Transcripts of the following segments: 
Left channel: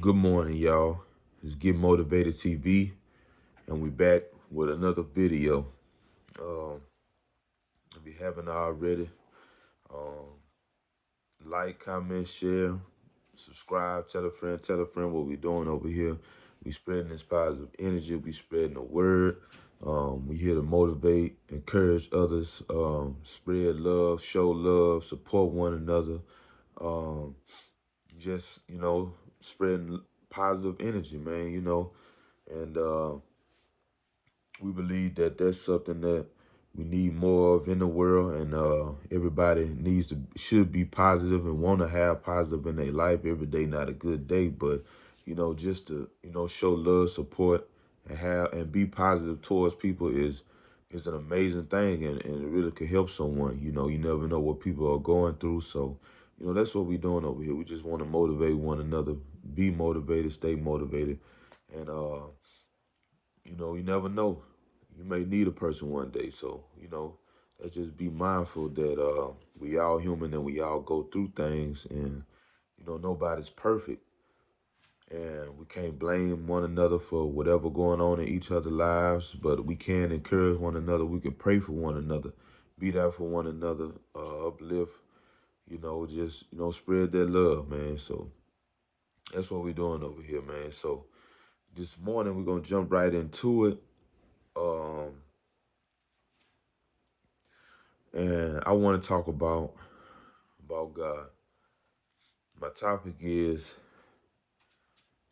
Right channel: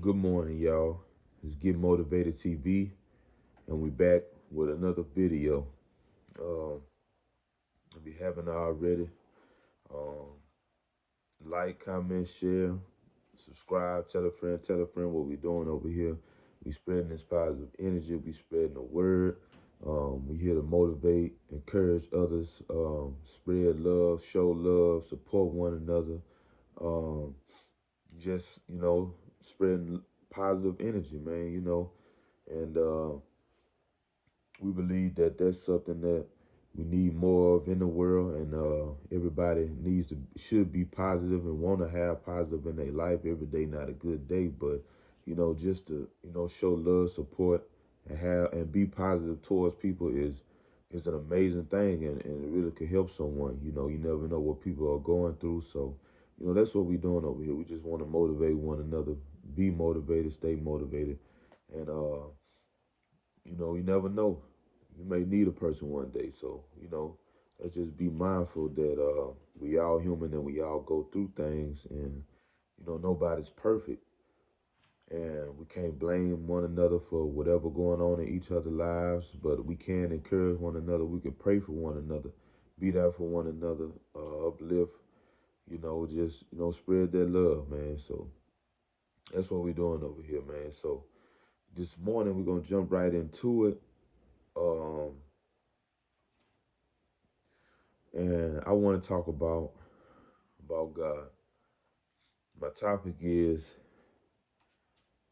Good morning, y'all. It's Get Motivated TV, and we back with another video. If you haven't already, um, like, comment, share, subscribe, tell a friend what we doing over here. We spreading this positive energy. We spreading the word. We here to motivate, encourage others, spread love, show love, support one another. Um, just spreading positive energy, man. And we believe that that's something that we need more of in the world, and everybody should be positive and want to have positive in their life. Every day not a good day, but just to show love, support, and be positive towards people is an amazing thing, and it really could help someone. You never know what people are going through, so that's what we're doing over here. We just want to motivate one another, be motivated, stay motivated, and you never know. You may need a person one day. So, let's just be mindful that we all human and we all go through things, and, nobody's perfect. And we can't blame one another for whatever going on in each other's lives, but we can encourage one another. We can pray for one another, be there for one another, uplift, just, spread that love, man. So that's what we're doing over here, man. So this morning, we're going to jump right into it. Um, and I want to talk about God. My topic is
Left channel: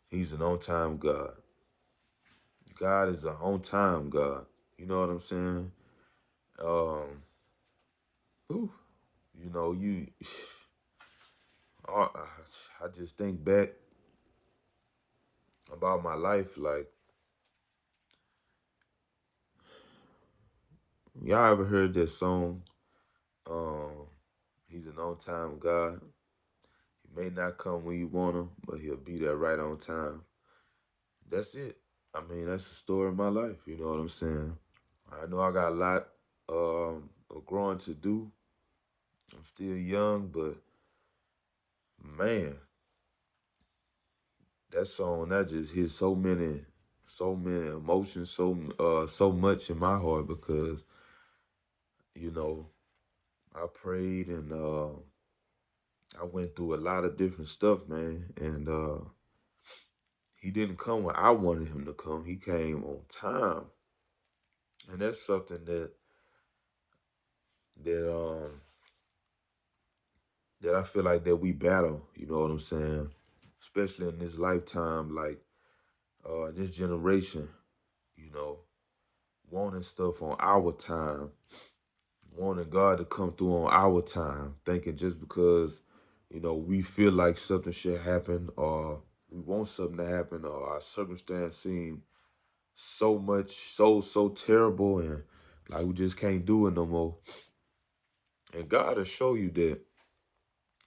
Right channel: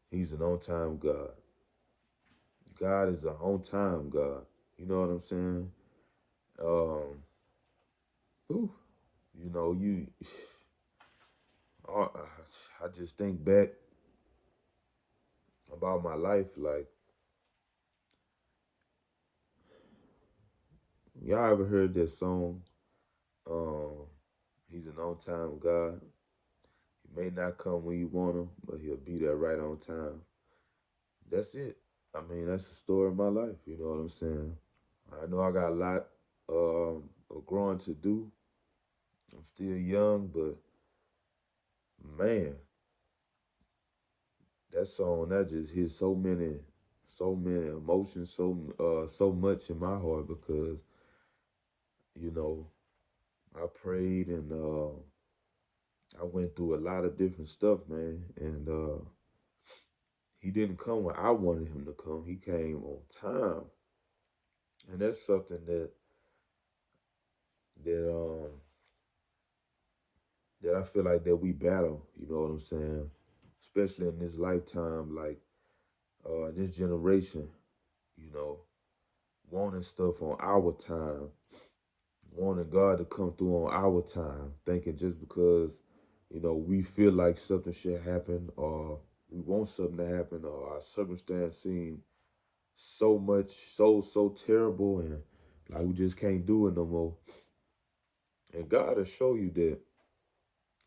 He's an on-time God. God is an on-time God. You know what I'm saying? Um, ooh, you know, you. I just think back about my life. Like, y'all ever heard that song? Um, He's an on-time God. He may not come when you want him, but he'll be there right on time. That's it. I mean, that's the story of my life. You know what I'm saying? I know I got a lot of growing to do. I'm still young, but man, that song that just hit so many emotions, so much in my heart because you know I prayed and I went through a lot of different stuff, man, and he didn't come when I wanted him to come. He came on time, and that's something that that I feel like that we battle. You know what I'm saying? Especially in this lifetime, like this generation. You know, wanting stuff on our time, wanting God to come through on our time, thinking just because, we feel like something should happen or we want something to happen or our circumstance seem so terrible and like we just can't do it no more. And God will show you that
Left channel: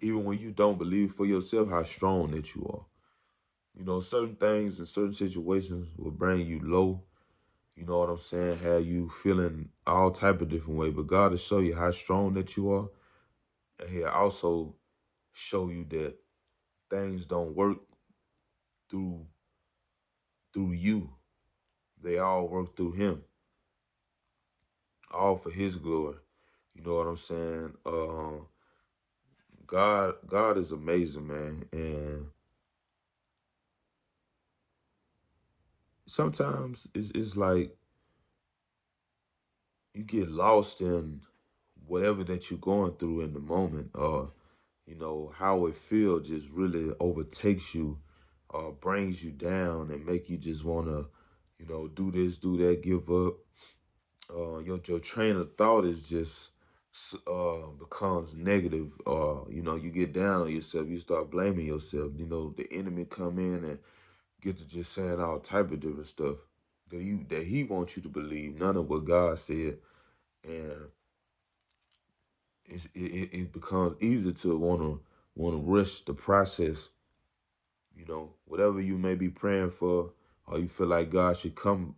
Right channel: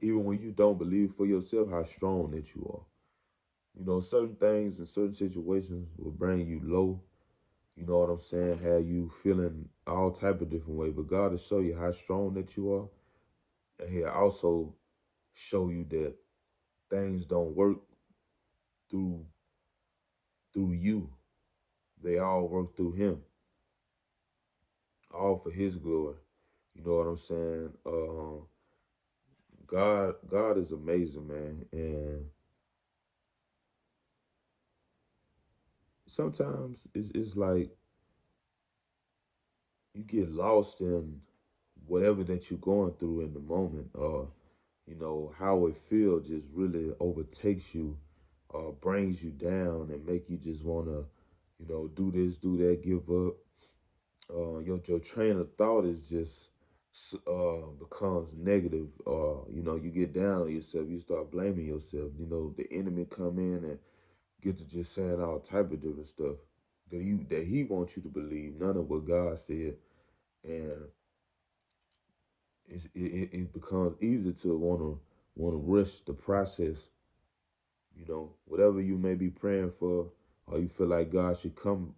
even when you don't believe for yourself how strong that you are. Certain things and certain situations will bring you low. You know what I'm saying? Have you feeling all type of different way. But God will show you how strong that you are. And He'll also show you that things don't work through you. They all work through Him. All for His glory. You know what I'm saying? God is amazing, man. And sometimes it's like you get lost in whatever that you're going through in the moment, or how it feels just really overtakes you, brings you down, and make you just want to, do this, do that, give up. Your train of thought is just becomes negative. You get down on yourself, you start blaming yourself. The enemy come in and get to just saying all type of different stuff that he wants you to believe, none of what God said, and it becomes easy to want to rush the process. Whatever you may be praying for, or you feel like God should come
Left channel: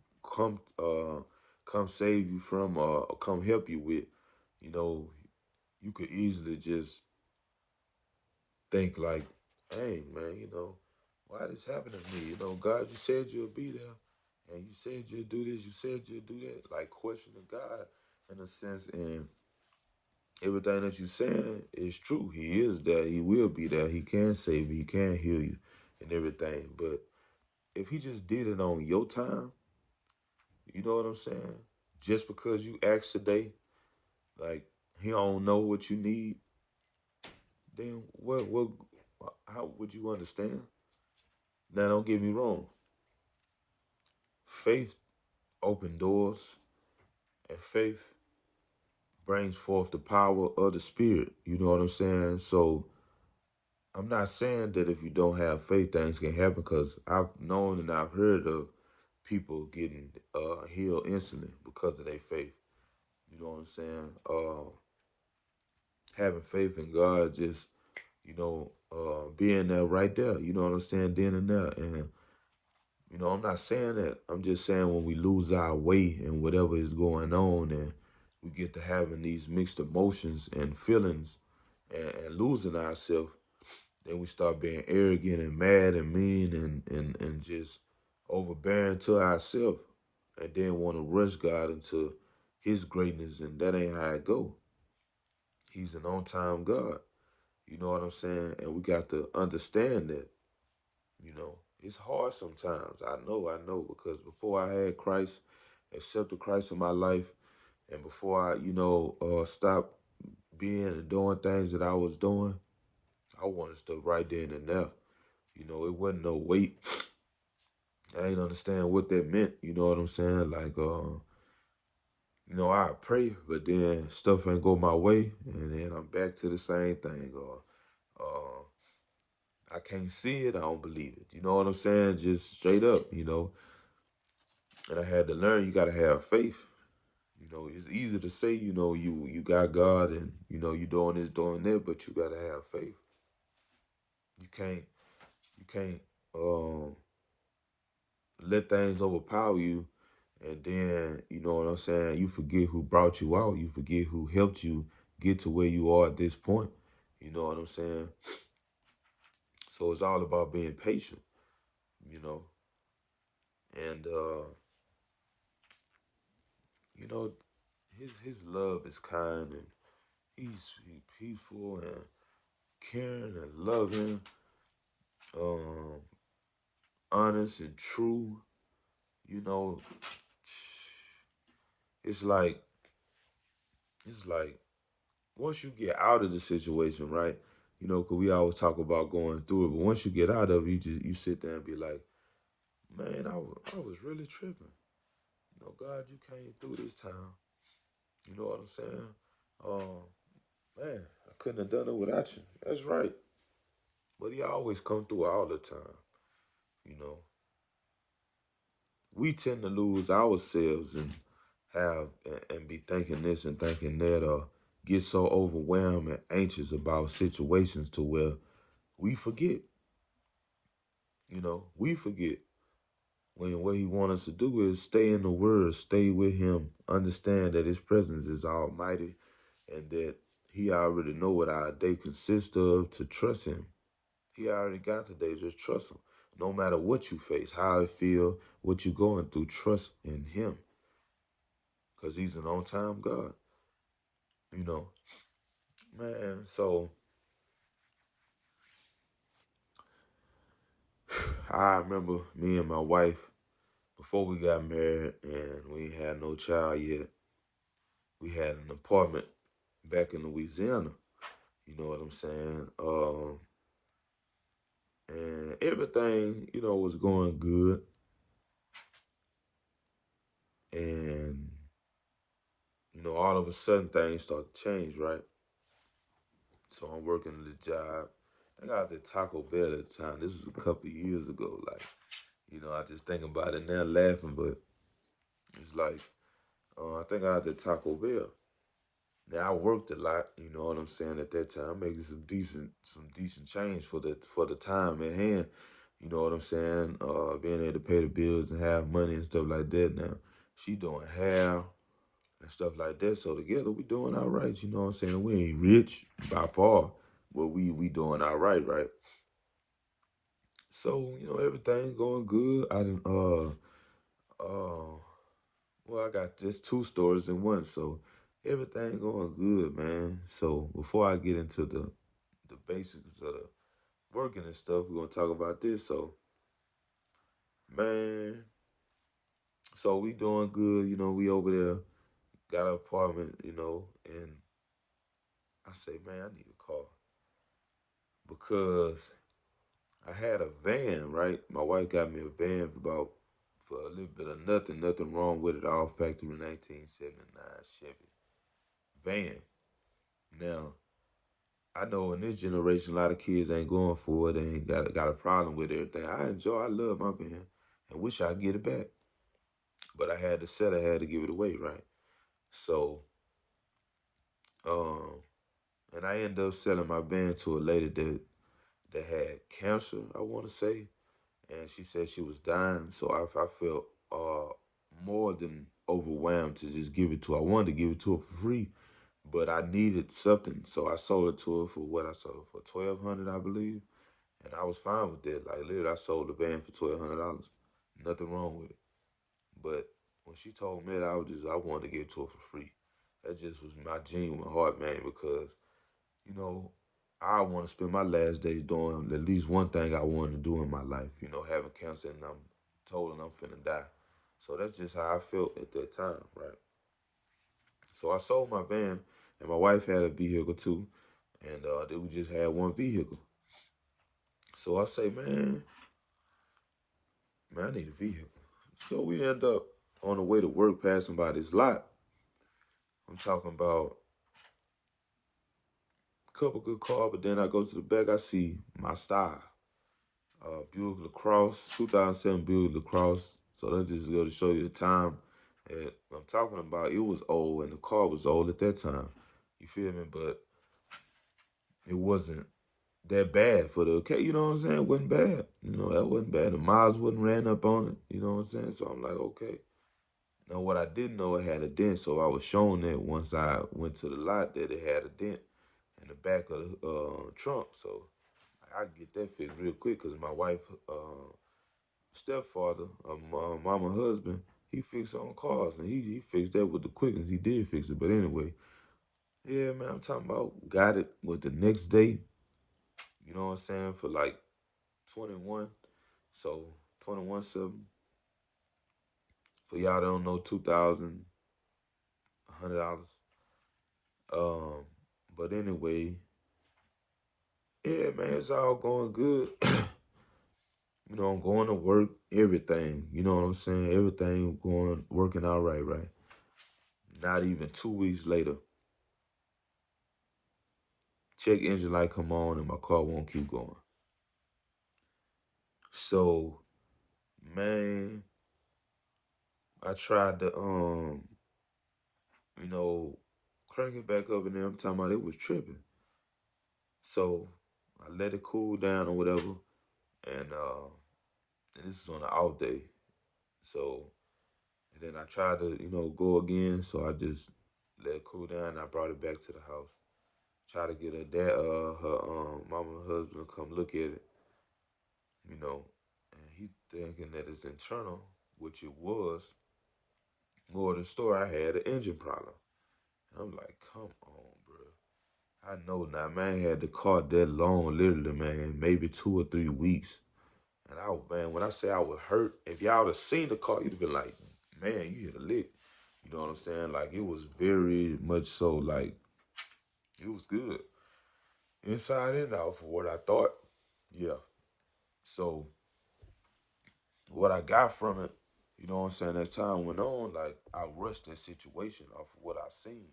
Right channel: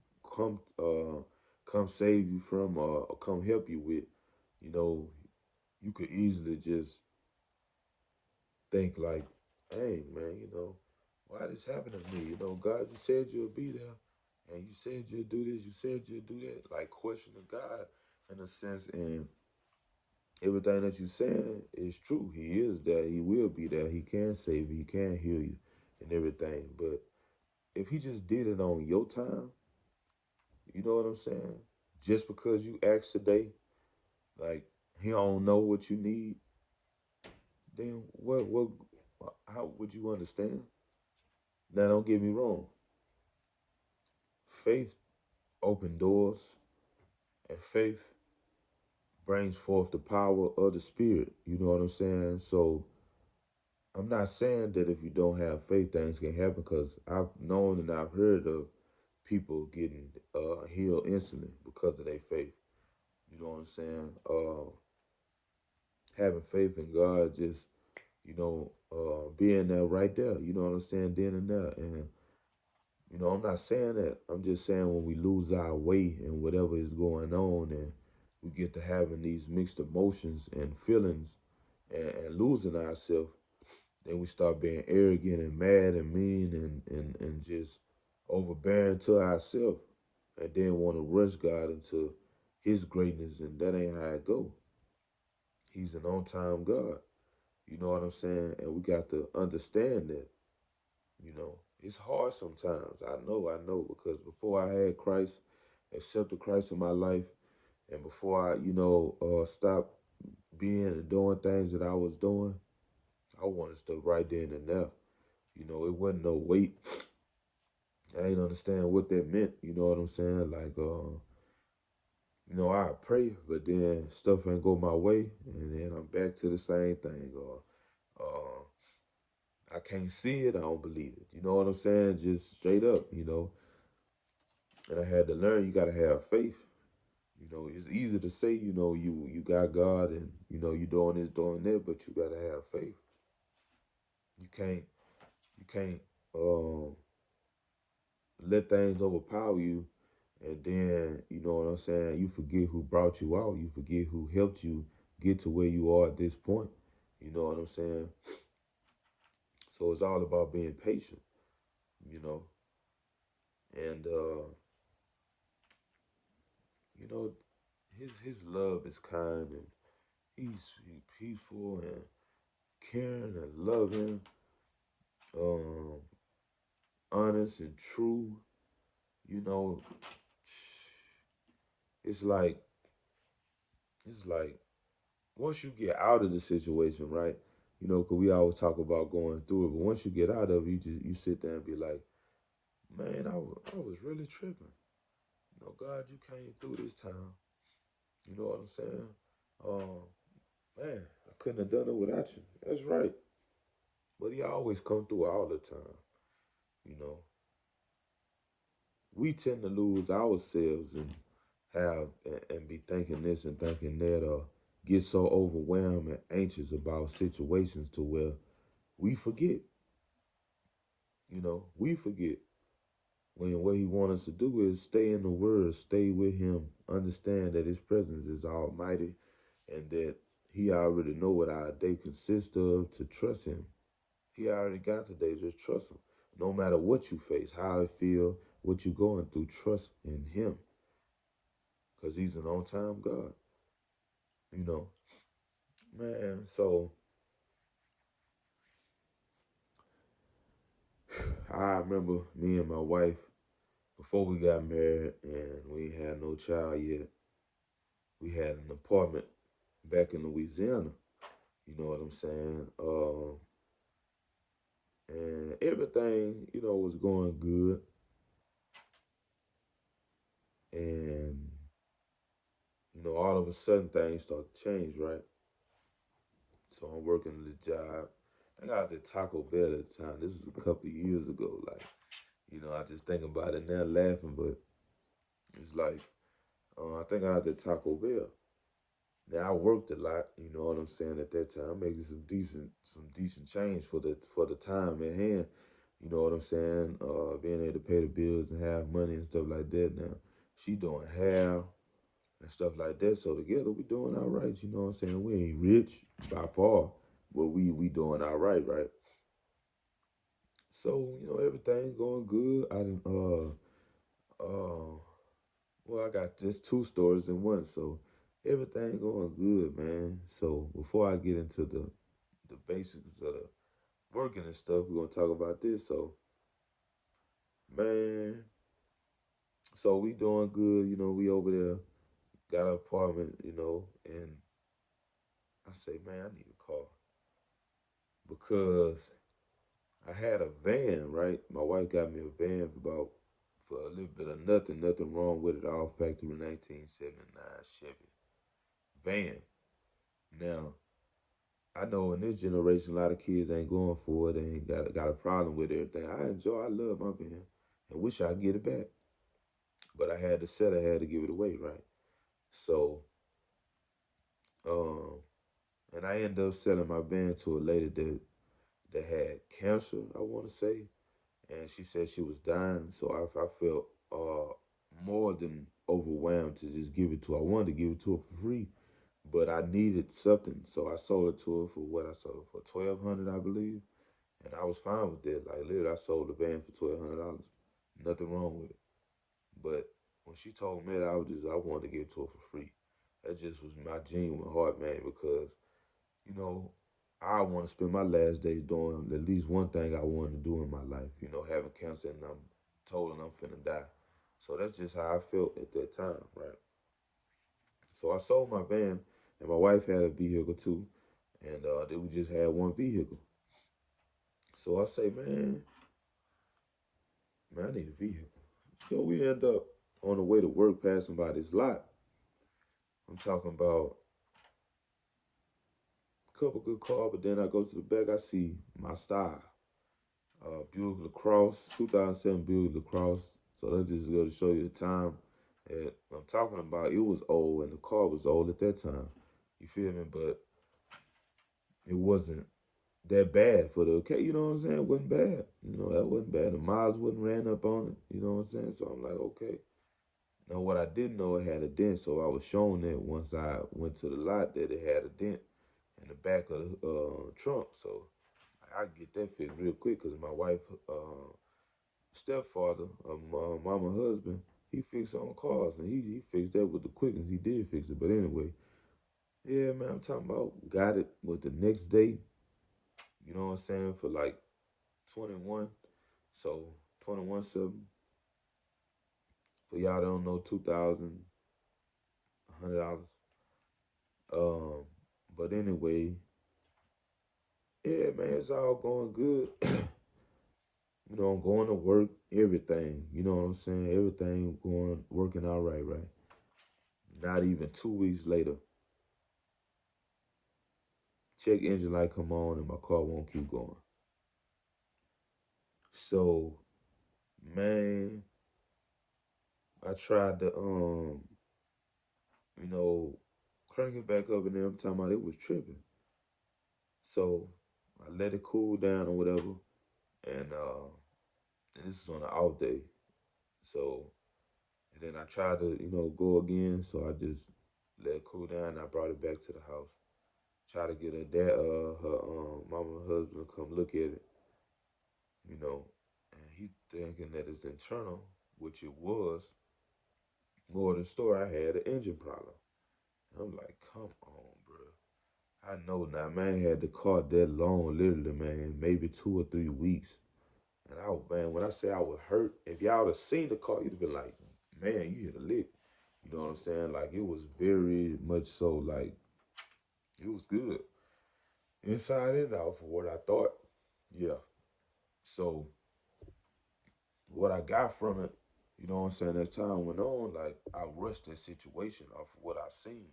save you from, or come help you with. You know, you could easily just think like, hey man, why this happened to me? You know, God, you said you'll be there, and you said you'll do this, you said you'll do that. Like questioning God in a sense, and everything that you're saying is true. He is there. He will be there. He can save you. He can heal you, and everything. But if he just did it on your time, you know what I'm saying? Just because you asked today, like he don't know what you need, then what how would you understand? Now don't get me wrong. Faith open doors, and faith brings forth the power of the spirit. You know what I'm saying? So I'm not saying that if you don't have faith, things can happen, because I've known and I've heard of people getting healed instantly because of their faith. You know what I'm saying? Having faith in God, just being there right there. You know what I'm saying? Then and there, and I'm not saying that. I'm just saying when we lose our way and whatever is going on, and we get to having these mixed emotions and feelings, and losing ourselves, then we start being arrogant and mad and mean and just overbearing to ourselves, and then want to rush God into his greatness, and that ain't how it go. He's an on-time God. You know what I'm saying? And we got to understand that, it's hard sometimes. I know, because before I had Christ, accepted Christ in my life, and before I, stopped being and doing things that I was doing, I wanted stuff right then and there. It wasn't no wait. I ain't understand what that meant. You know what I'm saying? Like, I pray, but then stuff ain't go my way, and then I'm back to the same thing. Or I can't see it, I don't believe it. You know what I'm saying? Just straight up, And I had to learn you gotta have faith. It's easy to say, you got God, and you doing this, doing that, but you gotta have faith. You can't um let things overpower you, and then you know what I'm saying, you forget who brought you out, you forget who helped you get to where you are at this point. You know what I'm saying? So it's all about being patient, you know, and you know, his love is kind, and he's peaceful and caring and loving, um, honest and true. You know, it's like it's like once you get out of the situation, right? Cause we always talk about going through it, but once you get out of it, you sit there and be like, man, I was really tripping. God, you came through this time. You know what I'm saying? Man, I couldn't have done it without you. That's right. But he always come through all the time. You know, we tend to lose ourselves and and be thinking this and thinking that, or get so overwhelmed and anxious about situations to where we forget. We forget when what he wants us to do is stay in the word, stay with him, understand that his presence is almighty, and that he already know what our day consists of, to trust him. He already got the day, just trust him. No matter what you face, how it feel, what you're going through, trust in him. Because he's an on-time God, you know. Man, so I remember me and my wife, before we got married and we had no child yet, we had an apartment back in Louisiana. You know what I'm saying? And everything, was going good. And, all of a sudden things start to change, right? So I'm working at the job. I think I was at Taco Bell at the time. This was a couple of years ago. Like, I just think about it now laughing, but it's like, I think I was at Taco Bell. Now I worked a lot, you know what I'm saying, at that time, making some decent change for the time at hand. You know what I'm saying? Being able to pay the bills and have money and stuff like that. Now she doing hair and stuff like that. So together we doing all right, you know what I'm saying? We ain't rich by far, but we doing all right, right? So, everything going good. I didn't well, I got just two stories in one, so everything going good, man. So before I get into the basics of the working and stuff, we're gonna talk about this. So, man, so we doing good, we over there, got an apartment, and I say, man, I need a car because I had a van, right? My wife got me a van for a little bit of nothing wrong with it, all factory 1979 Chevy van. Now, I know in this generation, a lot of kids ain't going for it. They ain't got a problem with everything. I love my van, and wish I get it back. But I had to sell it, I had to give it away, right? So, um, and I ended up selling my van to a lady that had cancer, I want to say, and she said she was dying. So I felt more than overwhelmed to just give it to her. I wanted to give it to her for free, but I needed something, so I sold it to her for what I sold it for 1,200, I believe. And I was fine with that. Like literally, I sold the van for $1,200. Nothing wrong with it. But when she told me that, I wanted to give it to her for free. That just was my genuine heart, man. Because you know, I want to spend my last days doing at least one thing I wanted to do in my life. Having cancer and I'm told I'm finna die. So that's just how I felt at that time, right? So I sold my van, and my wife had a vehicle too, and then we just had one vehicle. So I say, man, I need a vehicle. So we end up on the way to work passing by this lot. I'm talking about a couple good cars, but then I go to the back, I see my style. Buick LaCrosse, 2007 Buick LaCrosse. So that just go to show you the time that I'm talking about. It was old and the car was old at that time. You feel me? But it wasn't that bad for the okay. You know what I'm saying? It wasn't bad. That wasn't bad. The miles wasn't ran up on it. You know what I'm saying? So I'm like, okay. Now what I didn't know, it had a dent. So I was shown that once I went to the lot that it had a dent in the back of the trunk. So I get that fixed real quick because my wife stepfather, my mama husband, he fixed on cars and he fixed that with the quickness. He did fix it. But anyway, yeah, man, I'm talking about got it with the next day, you know what I'm saying, for like 21. So 21 something. For y'all that don't know, $2,100. Um, but anyway, yeah, man, it's all going good. I'm going to work, everything. You know what I'm saying? Everything working out right. Not even 2 weeks later, check engine light come on and my car won't keep going. So, man, I tried to you know, crank it back up and then I'm talking about it was tripping. So I let it cool down or whatever. And this is on an out day. So and then I tried to, go again. So I just let it cool down and I brought it back to the house. Try to get her mama and husband to come look at it, you know, and he thinking that it's internal, which it was. More than the story, I had an engine problem. I'm like, come on, bro. I know now, man, had the car that long, literally, man, maybe 2 or 3 weeks. And man, when I say I was hurt, if y'all would have seen the car, you'd have been like, man, you hit a lick. You know what I'm saying? Like, it was very much so, like, it was good. Inside and out for what I thought. Yeah. So, what I got from it, you know what I'm saying, as time went on, like, I rushed that situation off of what I seen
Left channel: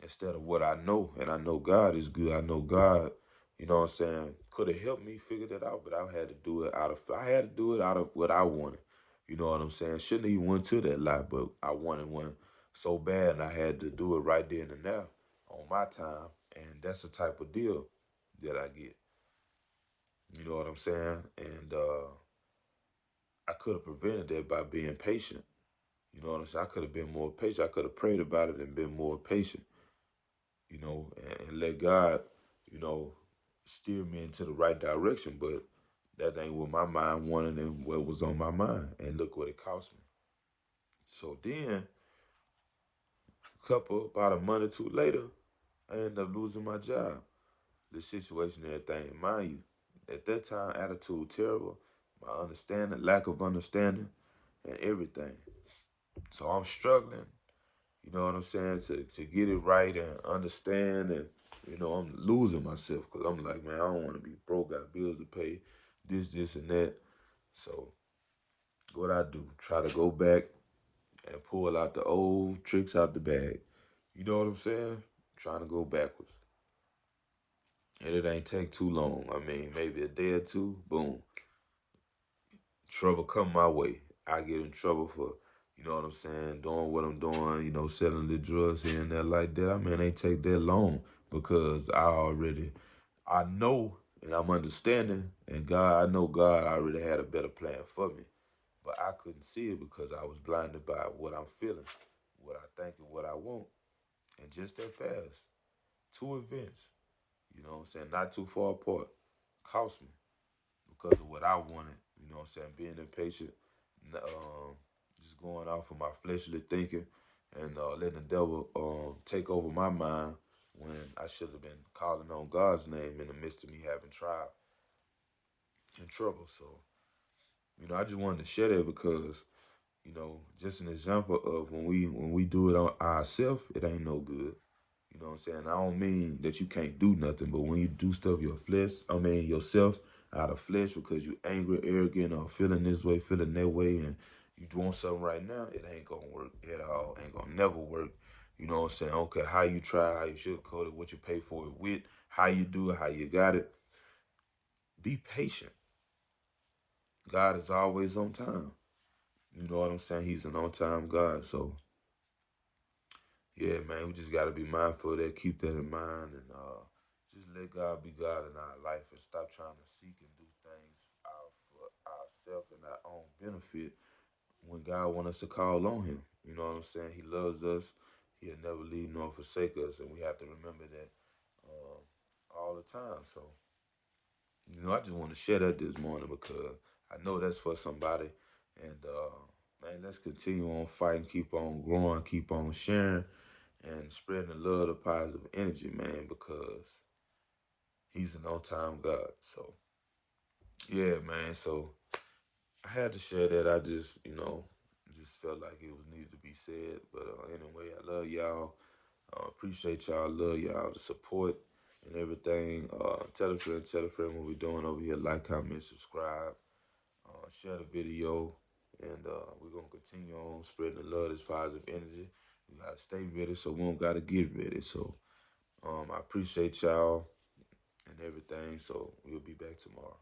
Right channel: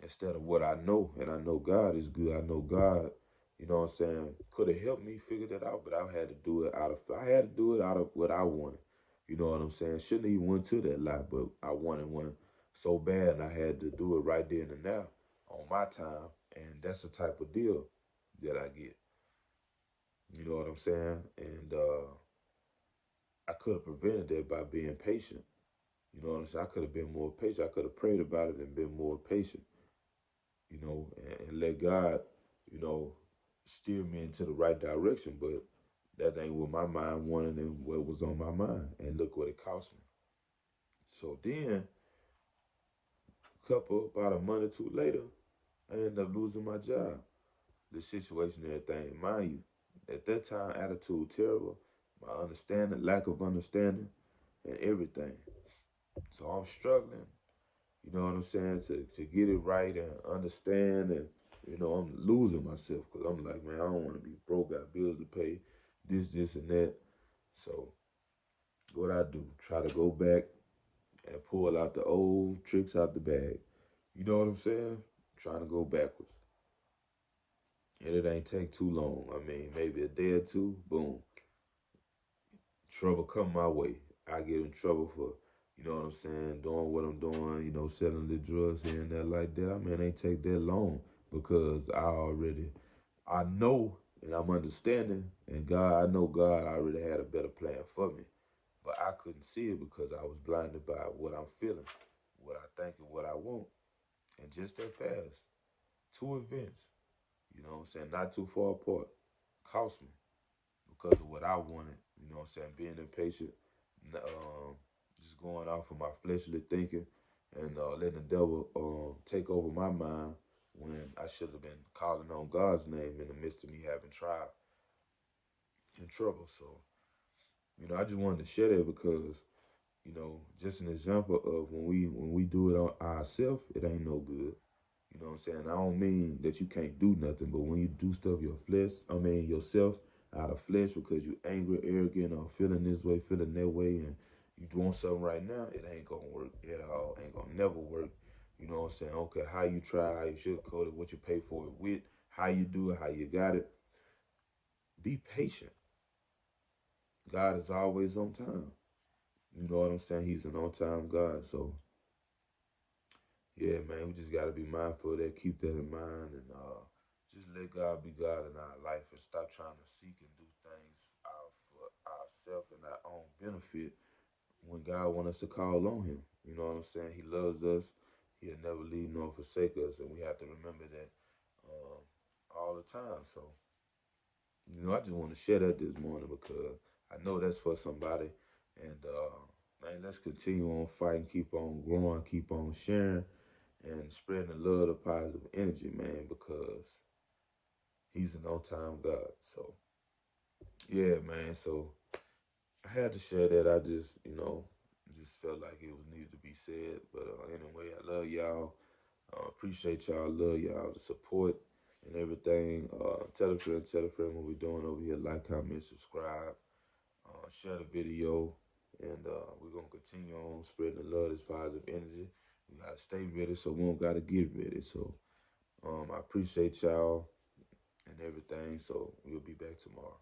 instead of what I know. And I know God is good. I know God, you know what I'm saying, could have helped me figure that out, but I had to do it out of what I wanted. You know what I'm saying? Shouldn't even went to that lot, but I wanted one so bad and I had to do it right then and now on my time. And that's the type of deal that I get. You know what I'm saying? And I could have prevented that by being patient. You know what I'm saying? I could have been more patient. I could have prayed about it and been more patient, and let God, you know, steer me into the right direction. But That ain't what my mind wanted and what was on my mind. And look what it cost me. So then, about a month or two later, I ended up losing my job. The situation and everything, mind you, at that time, attitude terrible, my understanding, lack of understanding, and everything. So I'm struggling, you know what I'm saying, to get it right and understand. And, I'm losing myself because I'm like, man, I don't want to be broke, got bills to pay, this, and that. So what I do, try to go back and pull out the old tricks out the bag. You know what I'm saying? Trying to go backwards. And it ain't take too long. I mean, maybe a day or two, boom, trouble come my way. I get in trouble for, what I'm saying, doing what I'm doing, selling the drugs here and there like that. I mean, it ain't take that long because I know and I'm understanding, and God, I know God already had a better plan for me. But I couldn't see it because I was blinded by what I'm feeling, what I think, and what I want. And just that fast, two events, what I'm saying, not too far apart, cost me because of what I wanted, what I'm saying, being impatient, just going off of my fleshly thinking and letting the devil take over my mind when I should have been calling on God's name in the midst of me having trial and trouble. So, I just wanted to share that because, just an example of when we do it on ourselves, it ain't no good. You know what I'm saying? I don't mean that you can't do nothing, but when you do stuff yourself out of flesh because you angry, arrogant, or feeling this way, feeling that way, and you doing something right now, it ain't gonna work at all. Ain't gonna never work. You know what I'm saying? Okay, how you try, how you sugarcoat it, what you pay for it with, how you do it, how you got it. Be patient. God is always on time. You know what I'm saying? He's an on-time God. So yeah, man, we just gotta be mindful of that. Keep that in mind, and just let God be God in our life, and stop trying to seek and do things for ourselves and our own benefit when God wants us to call on Him. You know what I'm saying? He loves us. He'll never leave nor forsake us, and we have to remember that all the time. So, I just want to share that this morning because I know that's for somebody. And man, let's continue on fighting, keep on growing, keep on sharing, and spreading the love, the positive energy, man, because He's an on-time God. So, yeah, man. So I had to share that. I just felt like it was needed to be said. But anyway, I love y'all. Appreciate y'all. Love y'all. The support and everything. Tell a friend what we're doing over here. Like, comment, subscribe. Share the video. And we're going to continue on spreading the love, this positive energy. We got to stay ready, so we don't got to get ready. So I appreciate y'all and everything. So we'll be back tomorrow.